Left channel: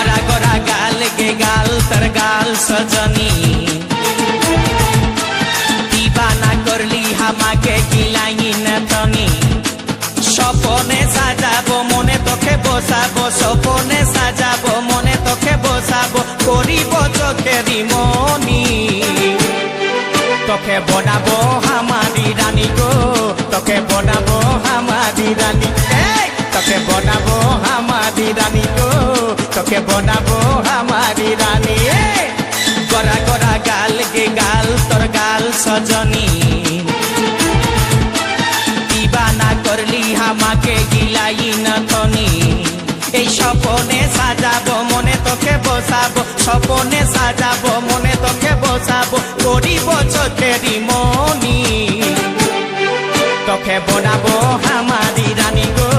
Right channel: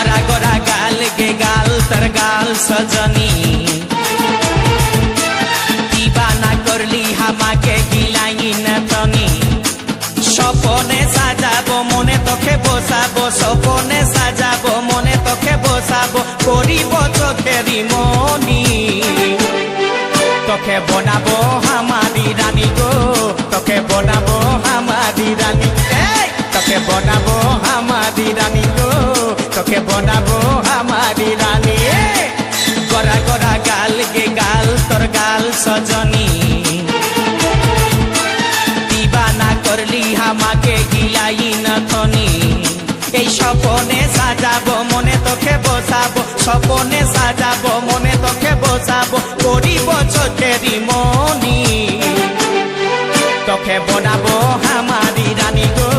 गोरा गोरा गाल गे गाल तर गाल सजनी दीवाना करली हामाके गिलाई न तनी স্বপনে সাজাবো মনে তোকে বসাবো স্বপনে সাজাবো মনে তোকে বসাবো করিব চোখেরি মনি তোকে বনাবো হামারি রানী গো তোকে বনাবো হামারি রানী তোকে বনাবো হামারি রানী গো তোকে বনাবো হামারি রানী গোরা গোরা গাল গে গাল তোর গাল সজনী दीवाना करली हामाके गिलाई नथनी এই স্বপনে সাজাবো মনে তোকে বসাবো স্বপনে সাজাবো মনে তোকে বসাবো করিব চোখেরি মনি তোকে বনাবো হামারি রানী গো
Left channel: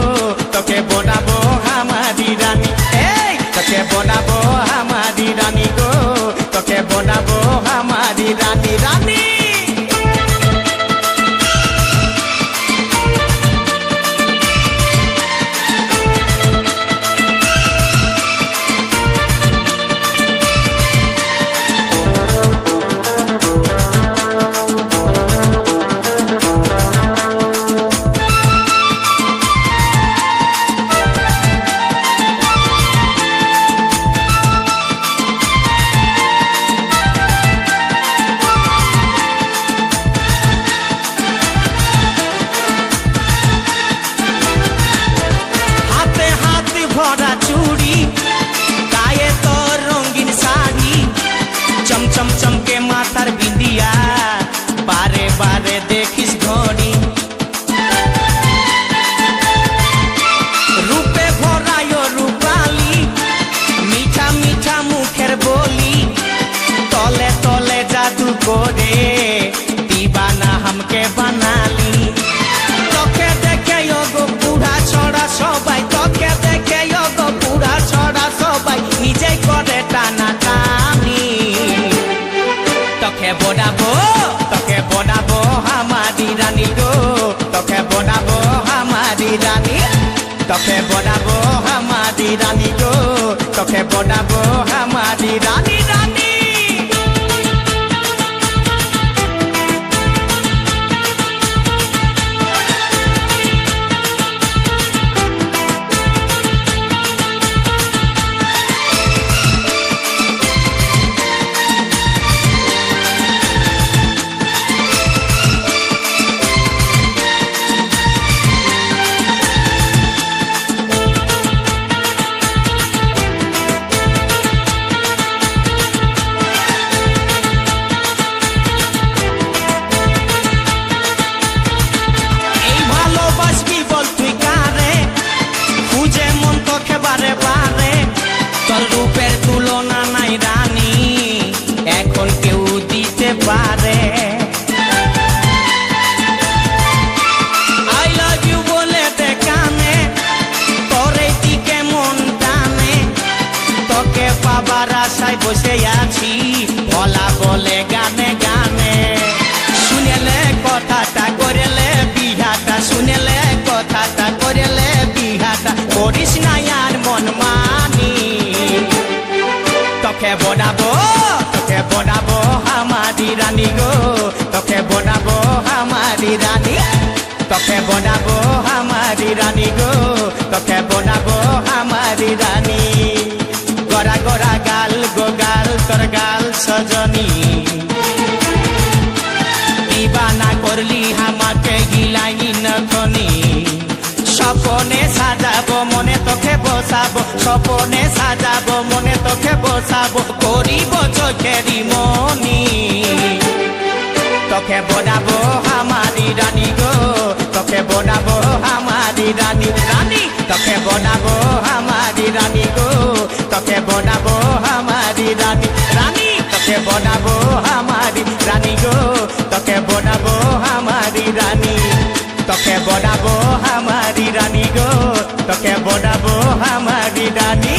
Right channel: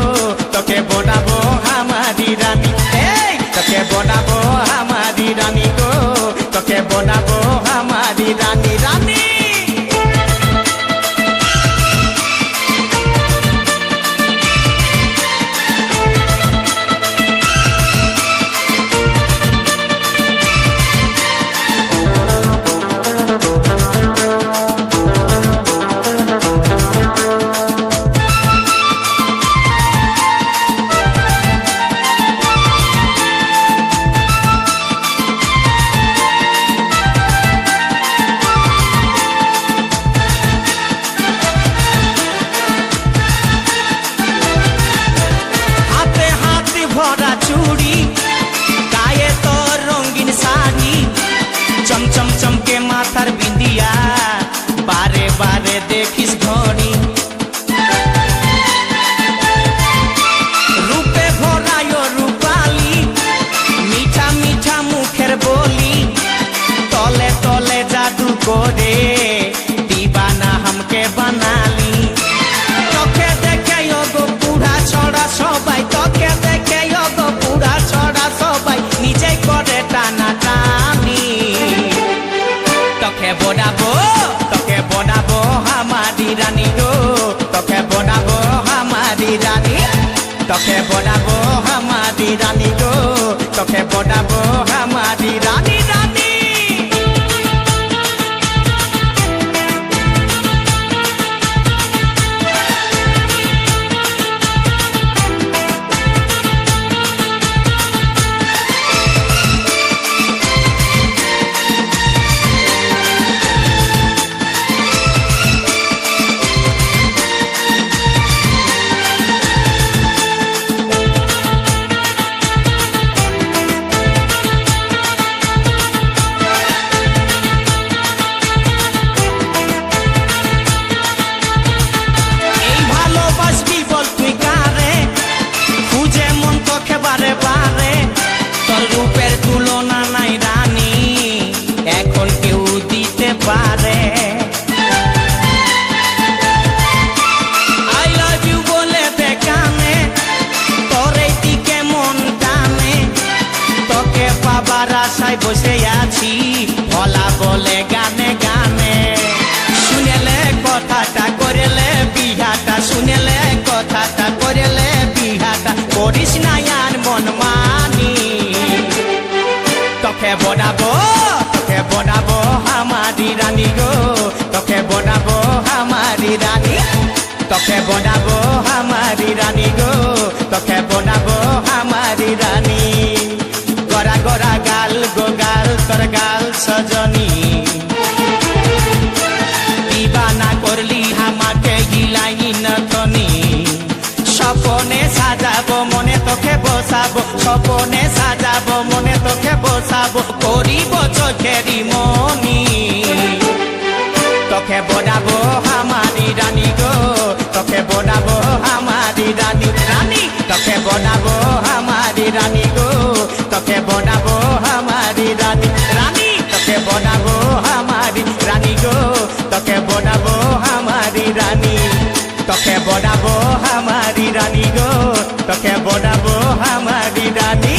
তোকে বনাবো হামারি রানী তোকে বনাবো হামারি রানী গো তোকে বনাবো হামারি রানী রানী भरा चूड़ी गाये तो रंगीन साड़ी चमचम चमके माथार बिंदिया बारे बारे देखिस घड़ी रूपे भरायो रूपाली मीठा मीठा मुखेर बोली तले तले जादू करे दीवाना हमके बनाली তোকে দেখে গো পুরা ছড়া সবাই তোকে দেখে গো পুরা ছড়া সবাই নিজে করে টানা টানি তোকে বনাবো হামারি রানী গো তোকে বনাবো হামারি রানী তোকে বনাবো হামারি রানী গো তোকে বনাবো হামারি রানী রানী বল তুই কারে খুঁজে মন তোকে বারে বারে তোর রূপের তুলনা নাই রানী এখন কেউ দিতে পারে আই লাভ ইউ বলে দে কানে তোর এই দিকে মন টানে তোকে পাবার আশায় বসে আছি ভোলা বলে গানে গানে শুনেলে কথাটা করেলে বিহাটা শুনেলে কথাটা করেলে বিহাটা করিস না আর মন মানি তোকে বনাবো হামারি রানী গো তোকে বনাবো হামারি রানী তোকে বনাবো হামারি রানী গো তোকে বনাবো হামারি রানী গোরা গোরা গাল গো গাল তোর গাল সজনী दीवाना करली हामाके गिलाई नथनी স্বপনে সাজাবো মনে তোকে বসাবো স্বপনে সাজাবো মনে তোকে বসাবো করিব চোখেরি মনি তোকে বনাবো হামারি রানী গো তোকে বনাবো হামারি রানী রানী তোকে বনাবো হামারি রানী গো তোকে বনাবো হামারি রানী রানী তোকে বনাবো হামারি রানী গো তোকে বনাবো হামারি রানী তোকে বনাবো হামারি রানী গো তোকে বনাবো হামারি রানী